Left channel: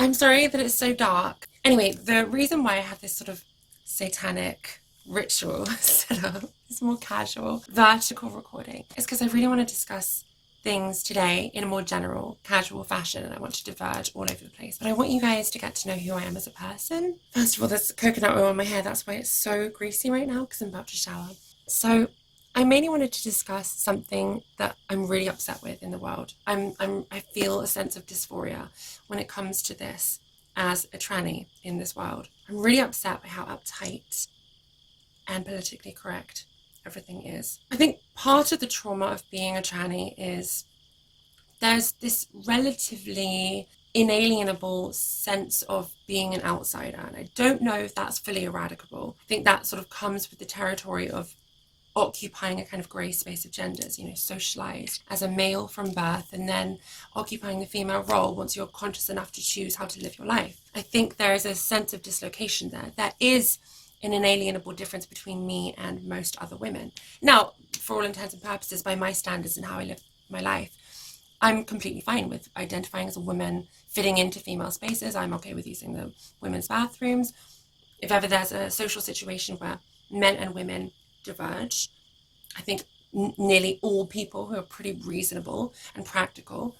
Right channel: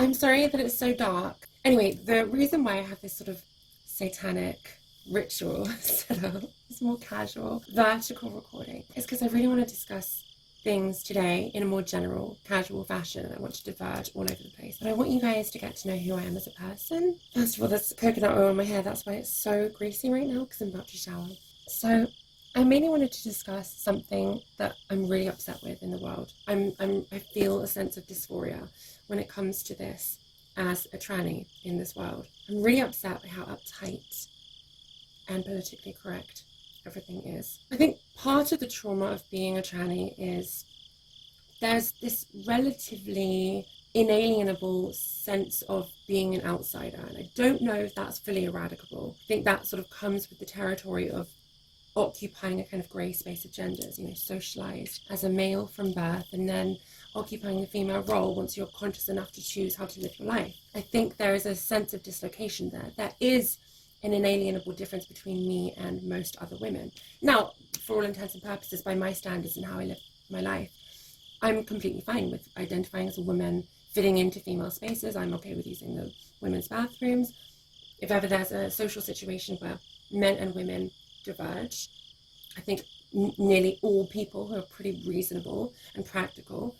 I'm sorry that it's so dark. Anyway, the reason why I have this sort of satanic ritual set up, this more casual, vertical recording, is because I really want to discuss things today in a more general, casual fashion, and I want to diverge all over the place. But I want you guys to get to know who I am as a person. First of all, there's coconut oil in my hair. That's why it's so greasy right now, because I'm about to shower. So I mainly wanted to discuss something that I'm really upset with in the world. I feel a sense of dysphoria when it comes to this as a tranny in this world. I'm really upset by how uptight and politically correct everything is. I think part of the trauma of being a tranny is there's this relatively inalienable sense of being an outsider, and I don't know if that's fully eradicable. I think that sort of comes with the territory of occupying a kind of grey space of genders, socialized as a male from birth and then occupying the female role once you're conscious enough to choose how to live your life. I think there is a sense of dislocation there. There is an inalienable difference between me and most other women. Now, for all intents and purposes, by my standards and how I live my life, I'm completely fine with identifying as a woman, fitting into female spaces. I'm okay with using the women's bathrooms. If ever there's a social situation where men and women diverge, I think nearly all people who are pretty reasonable and practical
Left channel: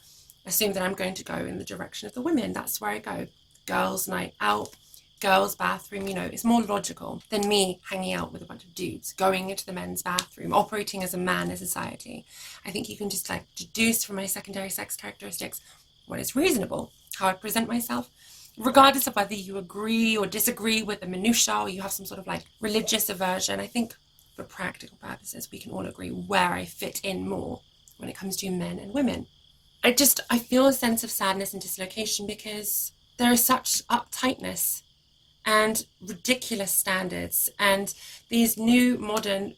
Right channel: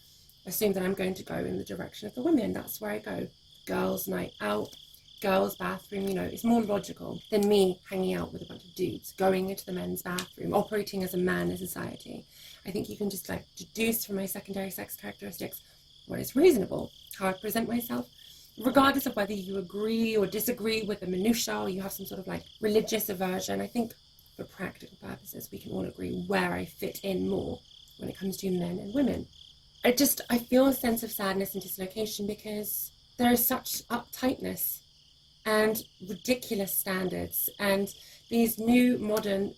assume that I'm going to go in the direction of the women. That's where I go. Girls' night out, girls' bathroom, it's more logical than me hanging out with a bunch of dudes, going into the men's bathroom, operating as a man in society. I think you can just deduce from my secondary sex characteristics what is reasonable, how I present myself, regardless of whether you agree or disagree with the minutiae or you have some sort of religious aversion. I think for practical purposes, we can all agree where I fit in more when it comes to men and women. I feel a sense of sadness and dislocation because there is such uptightness and ridiculous standards, and these new modern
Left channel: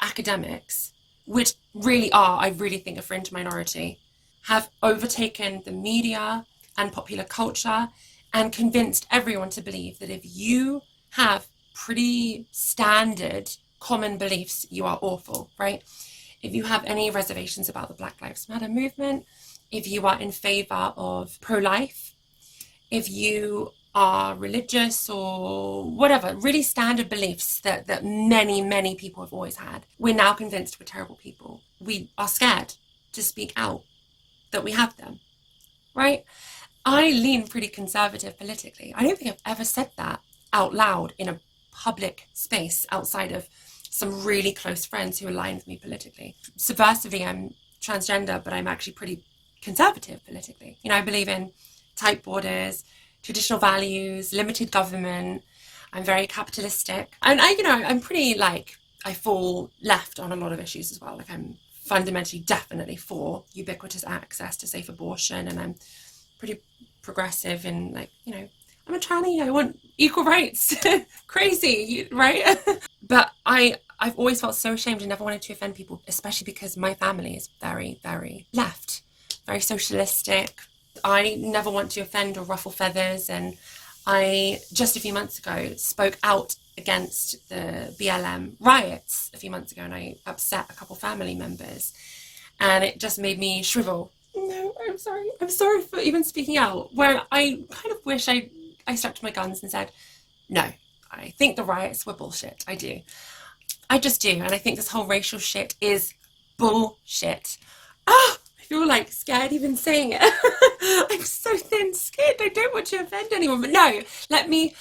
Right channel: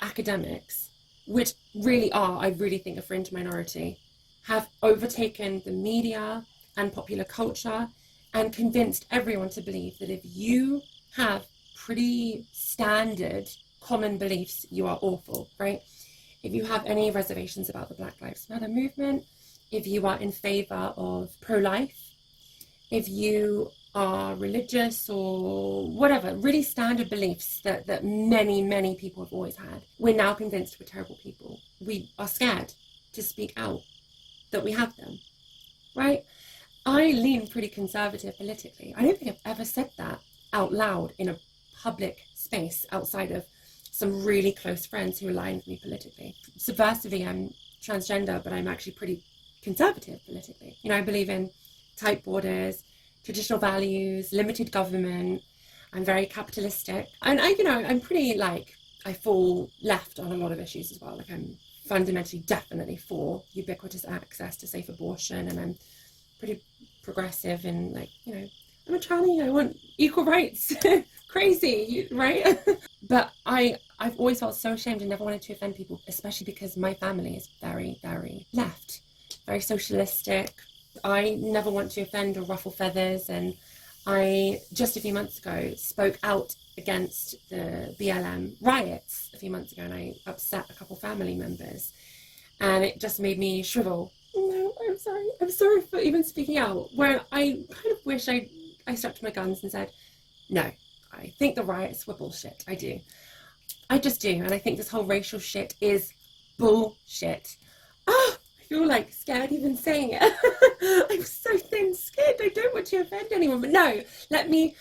academics, which really are, I really think, a fringe minority, have overtaken the media and popular culture and convinced everyone to believe that if you have pretty standard common beliefs, you are awful, right? If you have any reservations about the Black Lives Matter movement, if you are in favor of pro-life, if you are religious or whatever, really standard beliefs that many people have always had, we're now convinced we're terrible people. We are scared to speak out that we have them, right? I lean pretty conservative politically. I don't think I've ever said that out loud in a public space outside of some really close friends who align with me politically. Subversively, I'm transgender, but I'm actually pretty conservative politically. I believe in tight borders, traditional values, limited government. I'm very capitalistic. And I'm pretty I fall left on a lot of issues as well. I'm fundamentally definitely for ubiquitous access to safe abortion, and I'm pretty progressive in I'm a tranny, I want equal rights. Crazy, right? But I've always felt so ashamed and never wanted to offend people, especially because my family is very, very left, very socialistic. I never want to offend or ruffle feathers, and I just a few months ago spoke out against the BLM riots a few months ago, and I upset a couple family members, and it just made me shrivel. No, I'm sorry for even speaking out, where I kind of wish I stuck to my guns and said, no, I think the riots were bullshit. I just do. And I think this whole racial shit is bullshit. I feel scared even saying it. I'm so thin-skinned. I don't want to offend anyone, but no, let me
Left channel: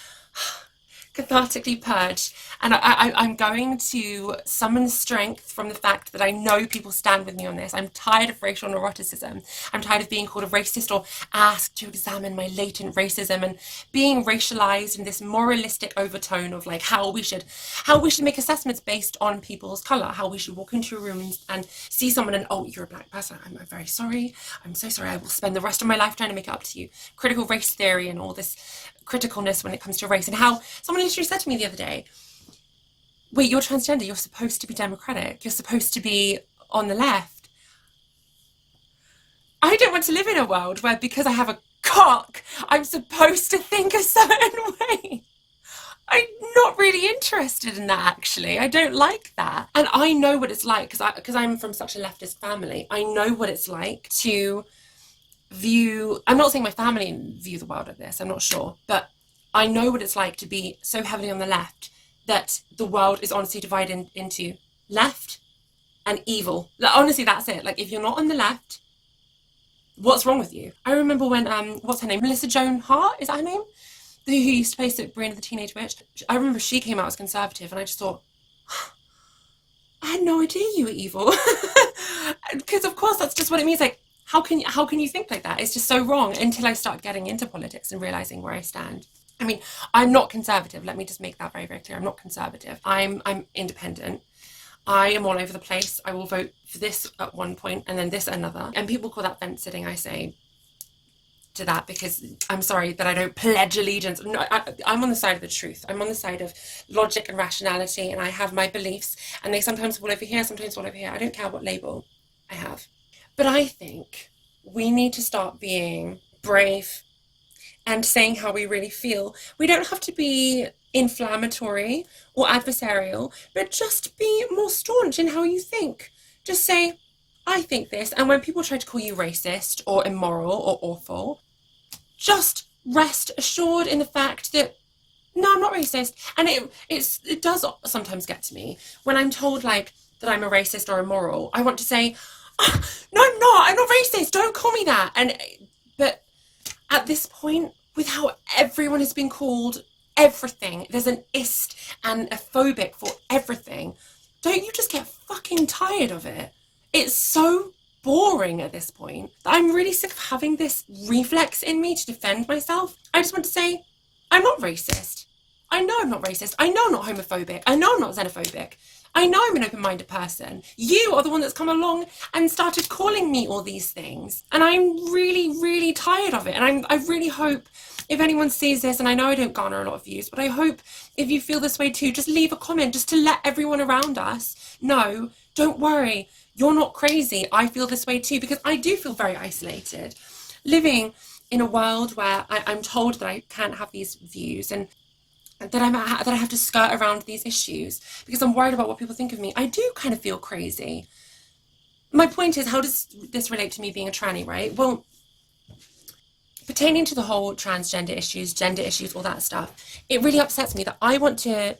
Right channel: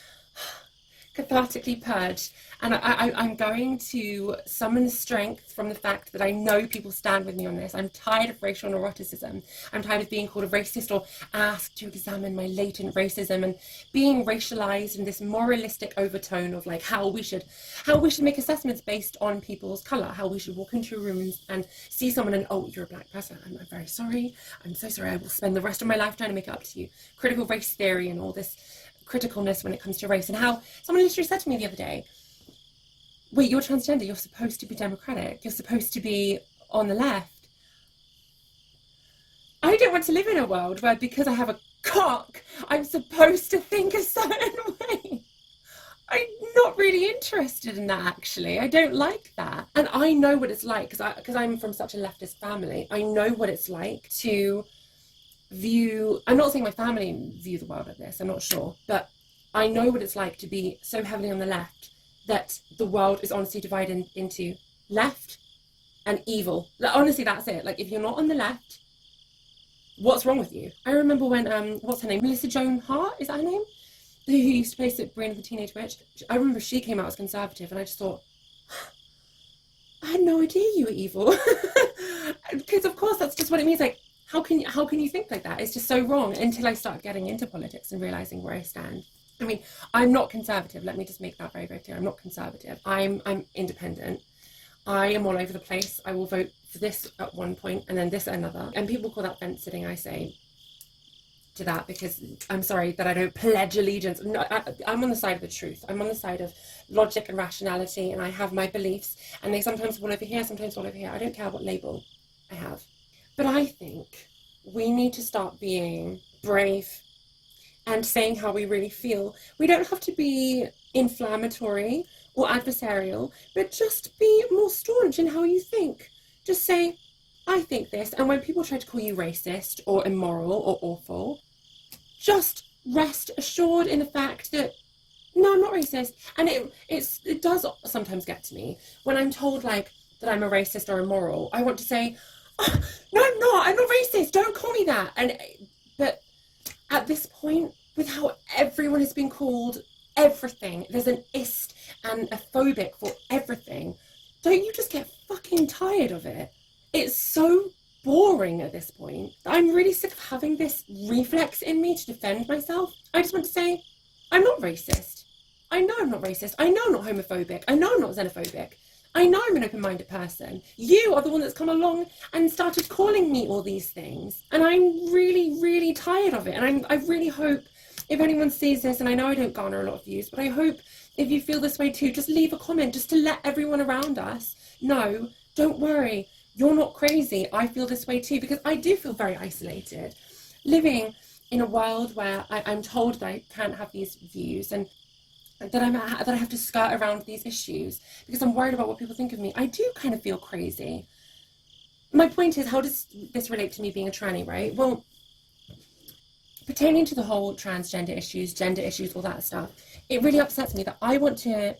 cathartically purge, and I'm going to summon strength from the fact that I know people stand with me on this. I'm tired of racial neuroticism. I'm tired of being called a racist or asked to examine my latent racism and being racialized in this moralistic overtone of how we should make assessments based on people's color, how we should walk into a room and see someone and, oh, you're a black person, I'm very sorry, I'm so sorry, I will spend the rest of my life trying to make it up to you. Critical race theory and all this criticalness when it comes to race, and how someone literally said to me the other day, wait, you're transgender, you're supposed to be democratic, you're supposed to be on the left. I don't want to live in a world where because I have a cock I'm supposed to think a certain way. I'm not really interested in that, actually. I don't like that. And I know what it's like, because I'm from such a leftist family. I know what it's like to I'm not saying my family view the world like this, I'm not sure, but I know what it's like to be so heavily on the left that the world is honestly divided into left and evil. Like, honestly, that's it. Like, if you're not on the left, what's wrong with you? I remember when, what's her name? Melissa Joan Hart, is that her name? Who used to play Sabrina the Teenage Witch. I remember she came out as conservative and I just thought, I had no idea you were evil. Because of course that's just what it means. Like, how can you think like that? It's just so wrong, until I start getting into politics and realizing where I stand. I mean, I'm not conservative. Let me just make that very, very clear. I'm not conservative. I'm independent. I am all over the place. I will vote for this at one point and then this at another. And people call that fence sitting, I say to that, because I'm sorry that I don't pledge allegiance. No, I'm on the side of the truth. I'm on the side of logic and rationality, and I have my beliefs, and they sometimes fall over here, sometimes fall over here. I don't care what label I have. But I think we need to start being brave and saying how we really feel. We don't have to be inflammatory or adversarial, but just be more staunch in how you think. Just say, I think this. And when people try to call you racist or immoral or awful, just rest assured in the fact that, no, I'm not racist. And it does sometimes get to me when I'm told like that I'm a racist or immoral. I want to say, oh, no, I'm not racist. Don't call me that. But at this point, with how everyone has been called everything, there's an ist and a phobic for everything. Don't you just get fucking tired of it? It's so boring at this point. I'm really sick of having this reflex in me to defend myself. I just want to say, I'm not racist. I know I'm not racist. I know I'm not homophobic. I know I'm not xenophobic. I know I'm an open-minded person. You are the one that's come along and started calling me all these things. And I'm really, really tired of it. And I really hope if anyone sees this, and I know I don't garner a lot of views, but I hope if you feel this way too, just leave a comment just to let everyone around us know, don't worry, you're not crazy. I feel this way too, because I do feel very isolated. Living in a world where I'm told that I can't have these views and that I have to skirt around these issues because I'm worried about what people think of me. I do kind of feel crazy. My point is, how does this relate to me being a tranny, right? Well, pertaining to the whole transgender issues, gender issues, all that stuff, it really upsets me that I want to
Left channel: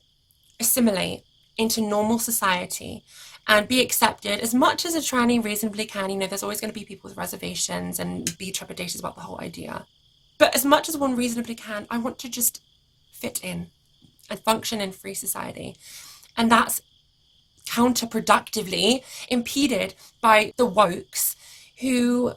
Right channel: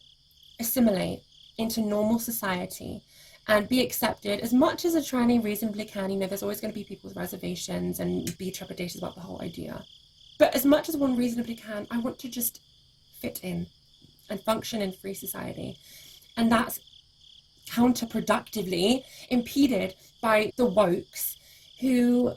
assimilate into normal society and be accepted as much as a tranny reasonably can. You know, there's always going to be people with reservations and be trepidatious about the whole idea. But as much as one reasonably can, I want to just fit in and function in free society. And that's counterproductively impeded by the wokes who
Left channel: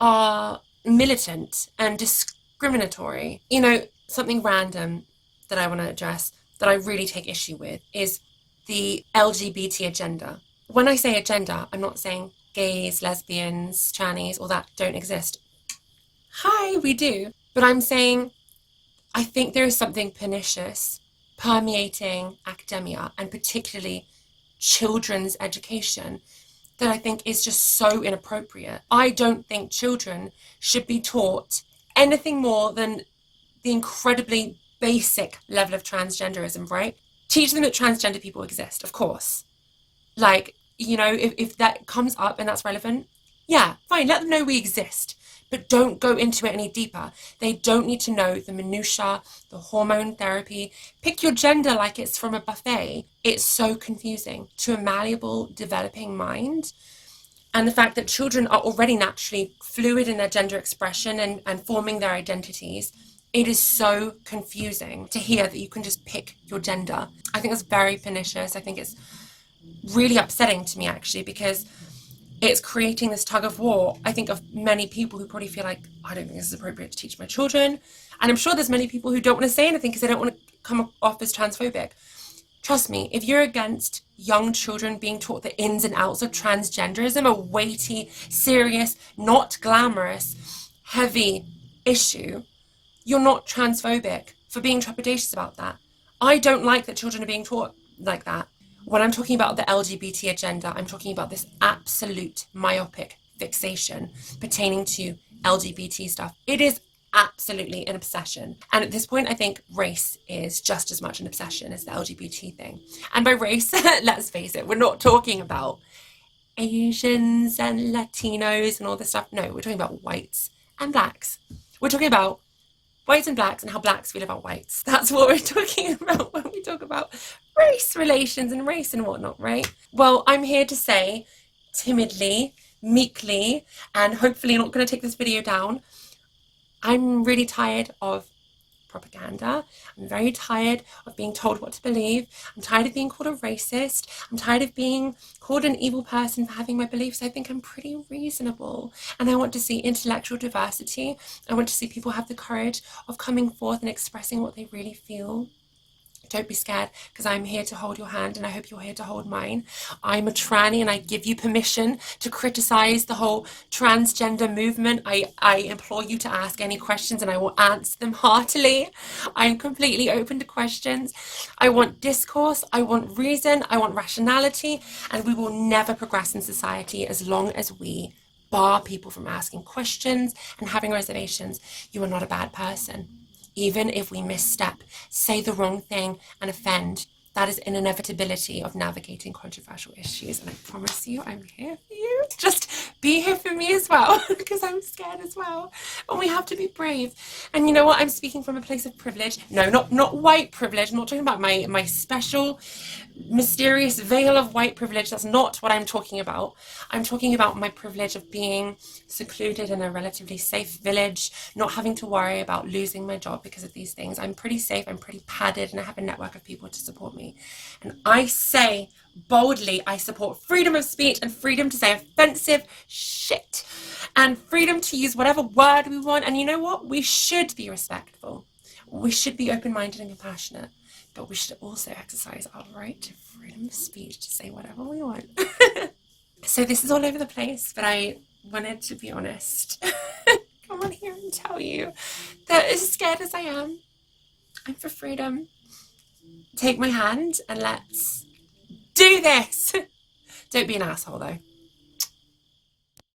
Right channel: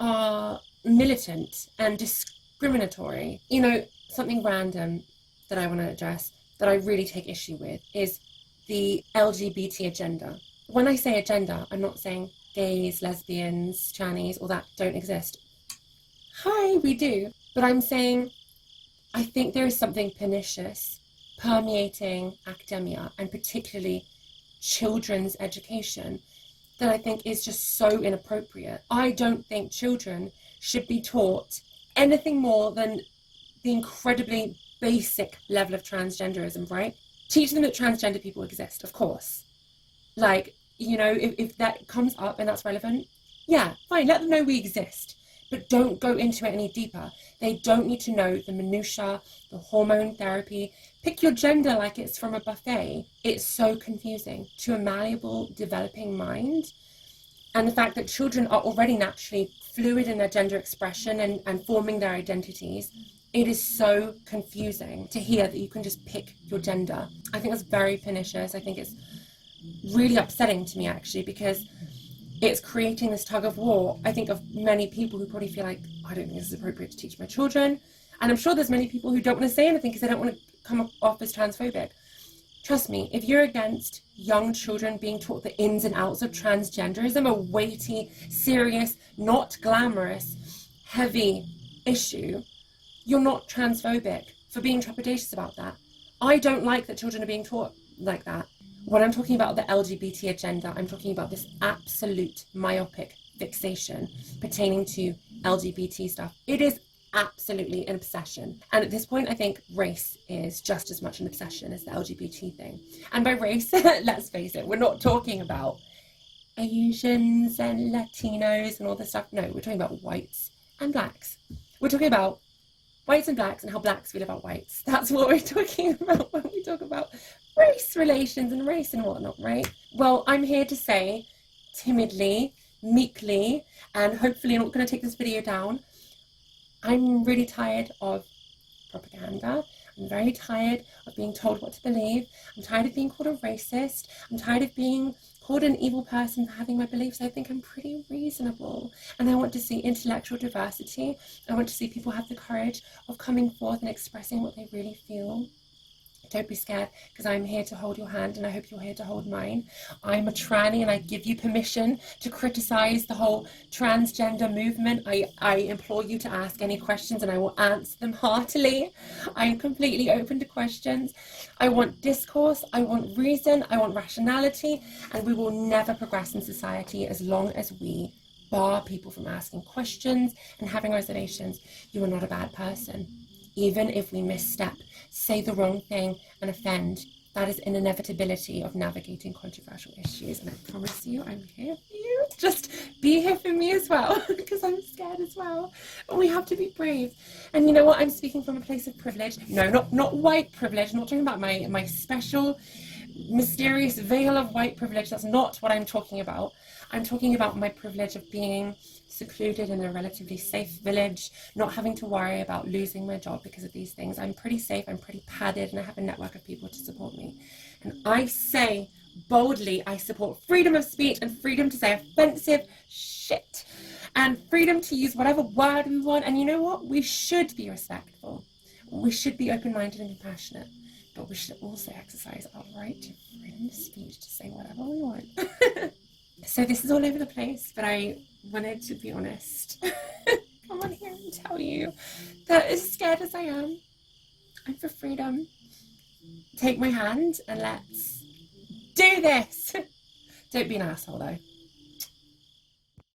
are militant and discriminatory. You know, something random that I want to address that I really take issue with is the LGBT agenda. When I say agenda, I'm not saying gays, lesbians, trannies, all that don't exist. Hi, we do. But I'm saying I think there is something pernicious permeating academia and particularly children's education that I think is just so inappropriate. I don't think children should be taught anything more than the incredibly basic level of transgenderism, right? Teach them that transgender people exist, of course. Like, you know, if that comes up and that's relevant, yeah, fine, let them know we exist. But don't go into it any deeper. They don't need to know the minutiae, the hormone therapy. Pick your gender like it's from a buffet. It's so confusing to a malleable, developing mind. And the fact that children are already naturally fluid in their gender expression and forming their identities, it is so confusing to hear that you can just pick your gender. I think that's very pernicious. I think it's really upsetting to me, actually, because it's creating this tug of war, I think, of many people who probably feel like, I don't think this is appropriate to teach my children. And I'm sure there's many people who don't want to say anything because they don't want to come off as transphobic. Trust me, if you're against young children being taught the ins and outs of transgenderism, a weighty, serious, not glamorous, heavy issue, you're not transphobic for being trepidatious about that. I don't like that children are being taught like that. When I'm talking about the LGBT agenda, I'm talking about this absolute myopic fixation pertaining to LGBT stuff. It is absolutely an obsession. And at this point, I think race is just as much an obsession as the LGBT thing. And by race, let's face it, we're not talking about Asians and Latinos and all this stuff. No, we're talking about whites and blacks. We're talking about whites and blacks and how blacks feel about whites. That's what we're talking about when we talk about race relations and race and whatnot, right? Well, I'm here to say, timidly, meekly, and hopefully not going to take this video down, I'm really tired of propaganda. I'm very tired of being told what to believe. I'm tired of being called a racist. I'm tired of being called an evil person for having my beliefs. I think I'm pretty reasonable, and I want to see intellectual diversity. I want to see people have the courage of coming forth and expressing what they really feel. Don't be scared, because I'm here to hold your hand, and I hope you're here to hold mine. I'm a tranny, and I give you permission to criticize the whole transgender movement. I implore you to ask any questions, and I will answer them heartily. I'm completely open to questions. I want discourse, I want reason, I want rationality, and we will never progress in society as long as we bar people from asking questions and having reservations. You are not a bad person. Even if we misstep, say the wrong thing, and offend, that is an inevitability of navigating controversial issues. And I promise you, I'm here for you. Just be here for me as well, because I'm scared as well. But we have to be brave. And you know what? I'm speaking from a place of privilege. No, not white privilege. I'm not talking about my special, mysterious veil of white privilege. That's not what I'm talking about. I'm talking about my privilege of being secluded in a relatively safe village, not having to worry about losing my job because of these things. I'm pretty safe, I'm pretty padded, and I have a network of people to support me. And I say boldly, I support freedom of speech and freedom to say offensive shit and freedom to use whatever word we want. And you know what? We should be respectful. We should be open-minded and compassionate. But we should also exercise our right to freedom of speech to say whatever we want. So this is all over the place, but I wanted to be honest. Come on here and tell you that as scared as I am, I'm for freedom. Take my hand and let's do this. Don't be an asshole though.